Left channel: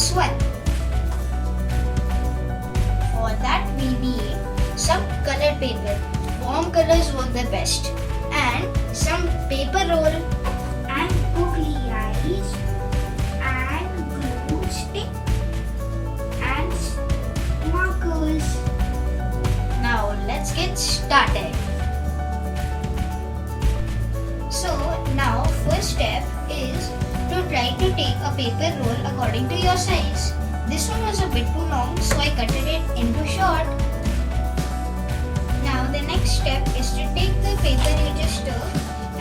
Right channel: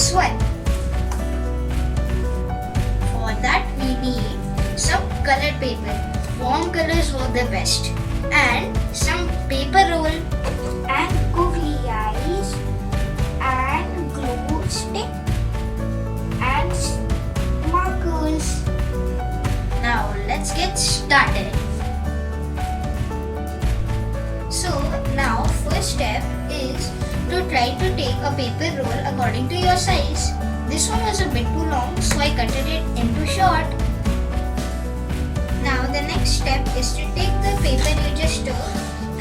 this one. For that we need some colored paper. Warm colors work the best. And some paper roll and googly eyes and glue stick and markers. Now let's get started. So now first step is to try to take a paper roll according to your size. This one was a bit too long, so I cut it into short. Now the next step is to take the paper you just took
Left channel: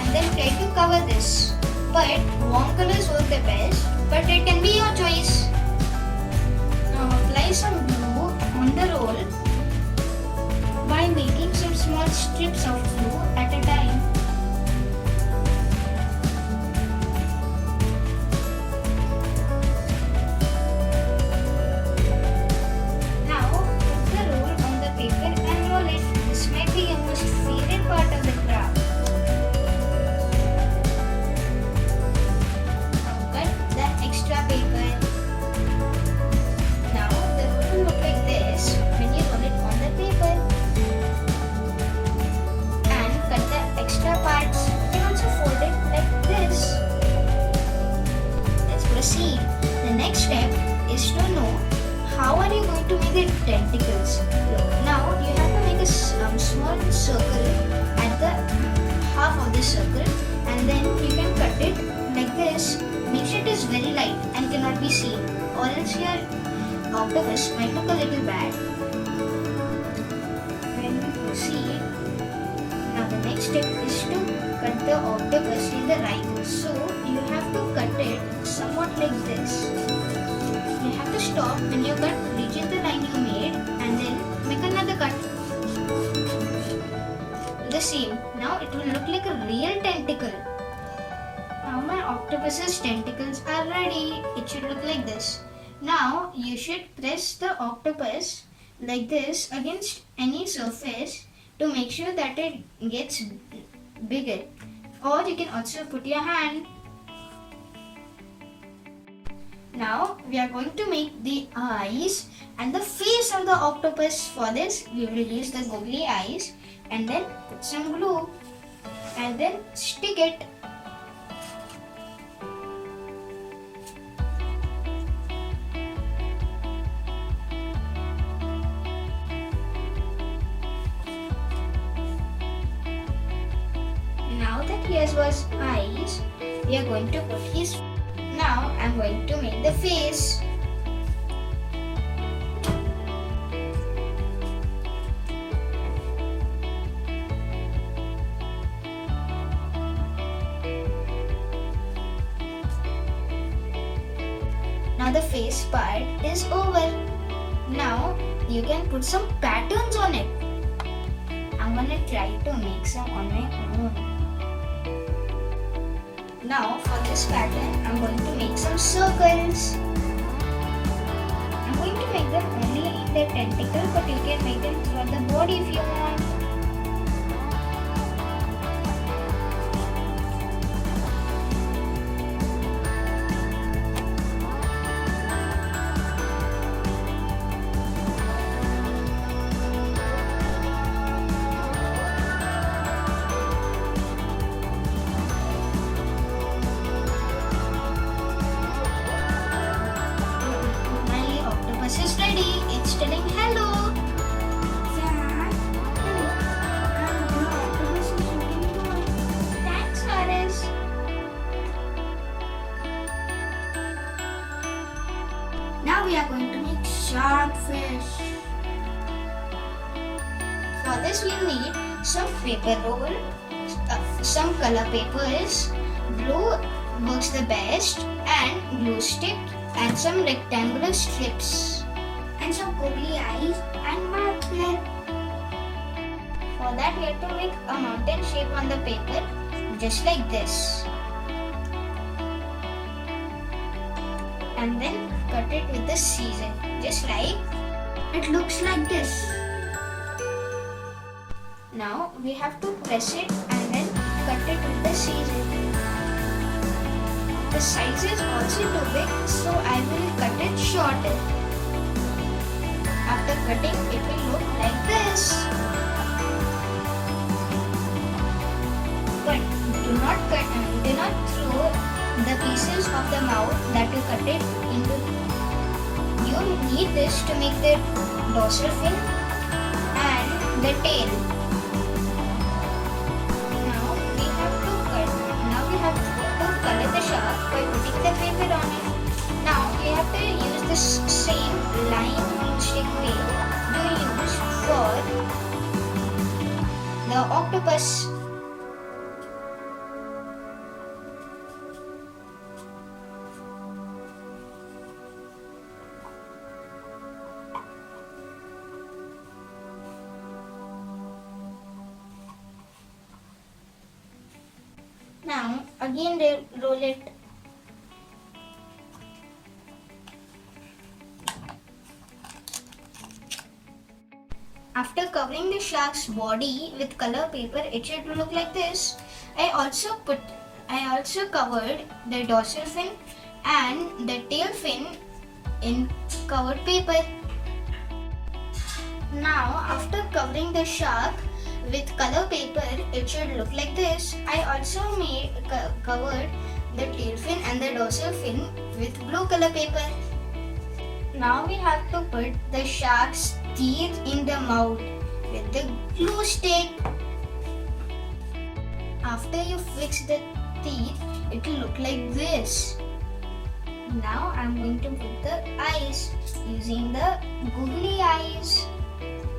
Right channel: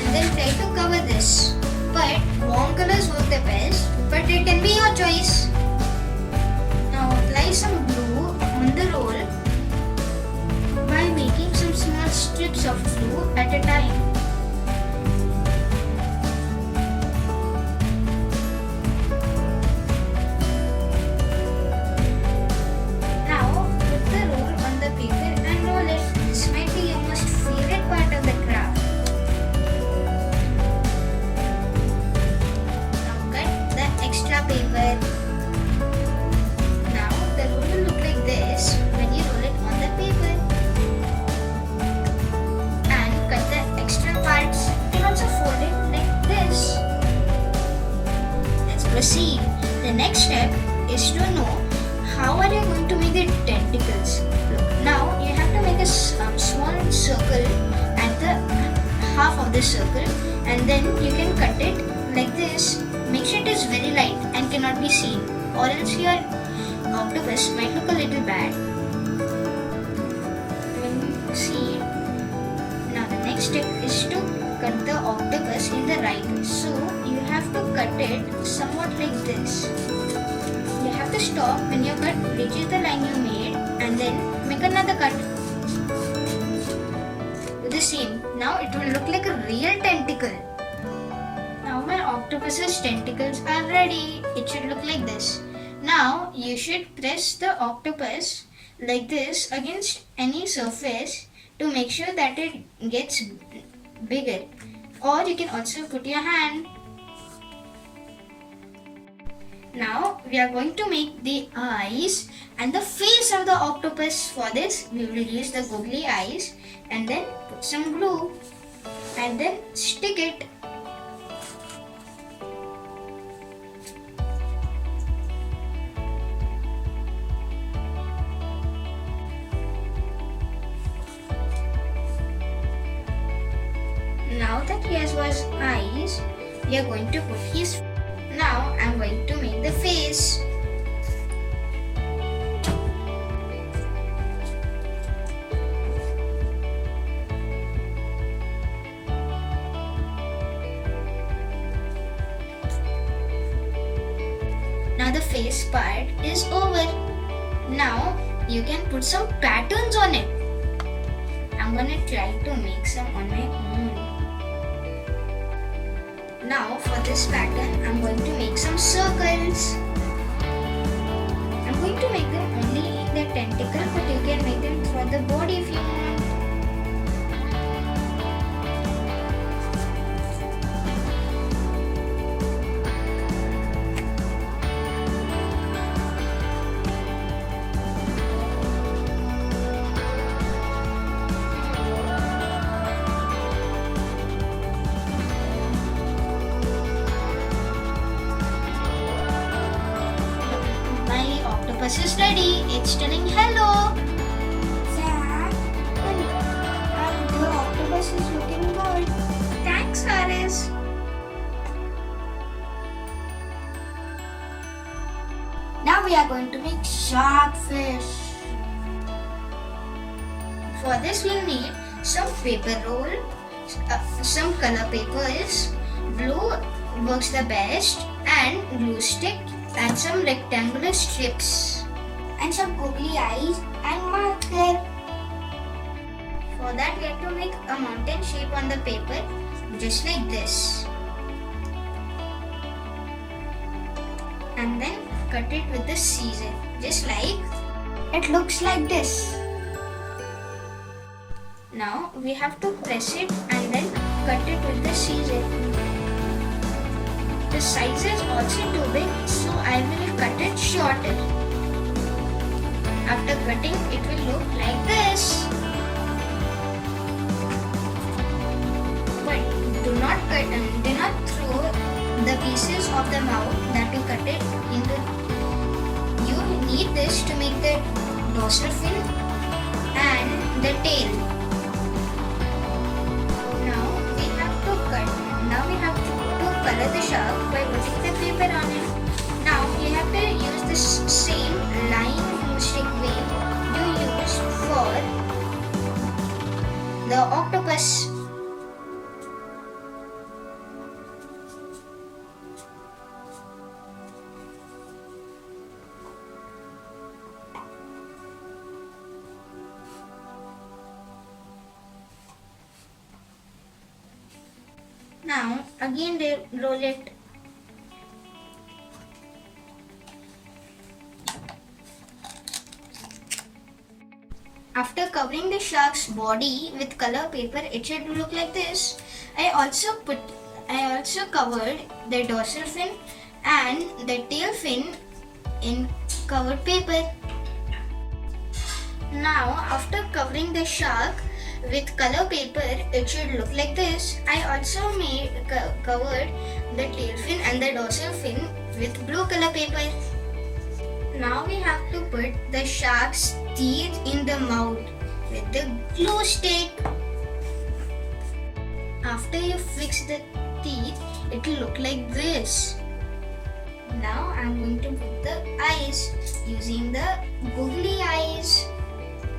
and then try to cover this. But warm colors work the best, but it can be your choice. Now apply some glue on the roll by making some small strips of glue at a time. Proceed. The next step is to know how are you going to make the tentacles. Look, now you have to make a small circle at the half of the circle, and then you can cut it like this. Make sure it is very light and cannot be seen, or else your octopus might look a little bad. When we proceed, now the next step is to cut the octopus in the right. So you have to cut it somewhat like this. You have to stop when your cut reaches the line you made and then make another cut. Do the same. Now it will look like a real tentacle. Now my octopus's tentacles are ready. It should look like this. Now you should press the octopus like this against any surface to make sure that it gets bigger. Or you can also put your hand. Now we are going to make the eyes and the face of the octopus. For this we will use the googly eyes and then put some glue and then stick it. Now that he has his eyes, we are going to put his. Now I am going to make the face. Now the face part is over. Now you can put some patterns on it. I'm gonna try to make some on my own. Now for this pattern, I'm going to make some circles. I'm going to make them only in the tentacle, but you can make them for the body if you want. This is ready. It's telling hello. Zayan, and the octopus is looking good. Thanks, Aris. Now we are going to make shark fish. For this we need some paper roll, some color papers, glue works the best, and glue stick, and some rectangular strips. And some googly eyes and marker. For that we have to make a mountain shape on the paper just like this. And then cut it with the scissors just like it looks like this. Now we have to press it and then cut it with the scissors. the size is also too big, so I will cut it shorter. After cutting, it will look like this. But do not throw the pieces of the mouth that you cut it into. You need this to make the dorsal fin and the tail. Now we have to color the shark by putting the paper on it. Now we have to use this same line glue stick way you use for the octopus. Now again they roll it. After covering the shark's body with color paper, it should look like this. I also covered the dorsal fin and the tail fin in covered paper. Now after covering the shark with color paper, it should look like this. I also covered the tail fin and the dorsal fin with blue color paper. Now we have to put the shark's teeth in the mouth with the glue stick. After you fix the teeth, it will look like this. Now I'm going to put the eyes using the googly eyes.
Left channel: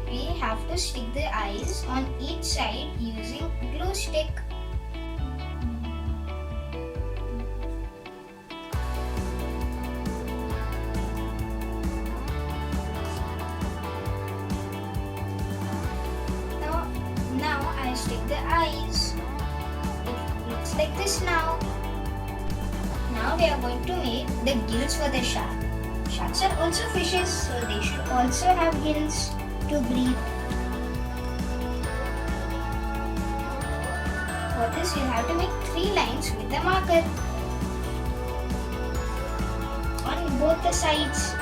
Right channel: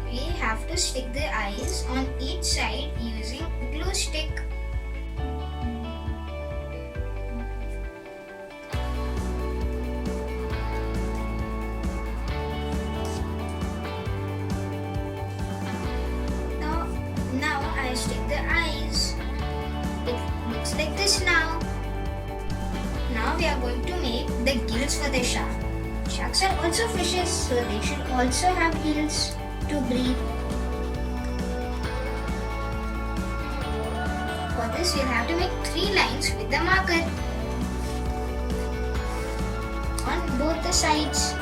We have to stick the eyes on each side using glue stick. Now I stick the eyes. It looks like this now. Now we are going to make the gills for the shark. Sharks are also fishes, so they should also have gills to breathe. For this you'll have to make 3 lines with the marker on both the sides.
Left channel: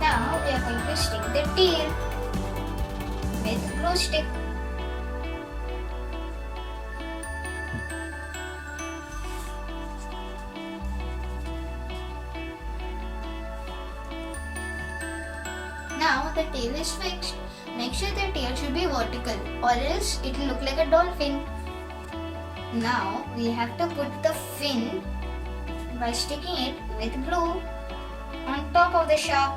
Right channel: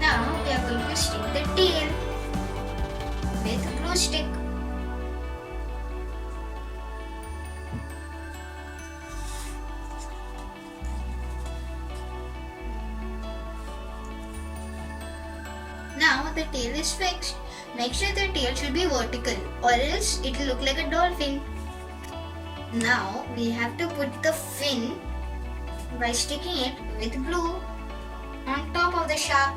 Now we are going to stick the tail with glue stick. Now the tail is fixed. Make sure the tail should be vertical or else it will look like a dolphin. Now we have to put the fin by sticking it with glue on top of the shark.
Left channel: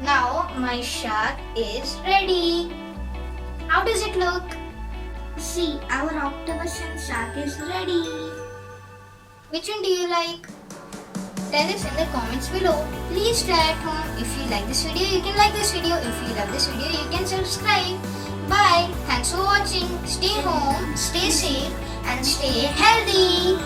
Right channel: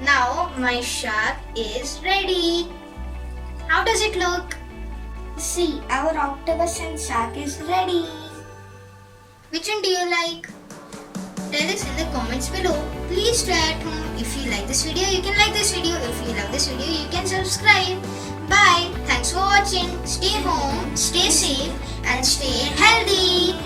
Now my shark is ready. How does it look? See, our octopus and shark is ready. Which one do you like? Tell us in the comments below. Please try at home. If you like this video, you can like this video. If you love this video, you can subscribe. Bye. Thanks for watching. Stay home, stay safe and stay healthy.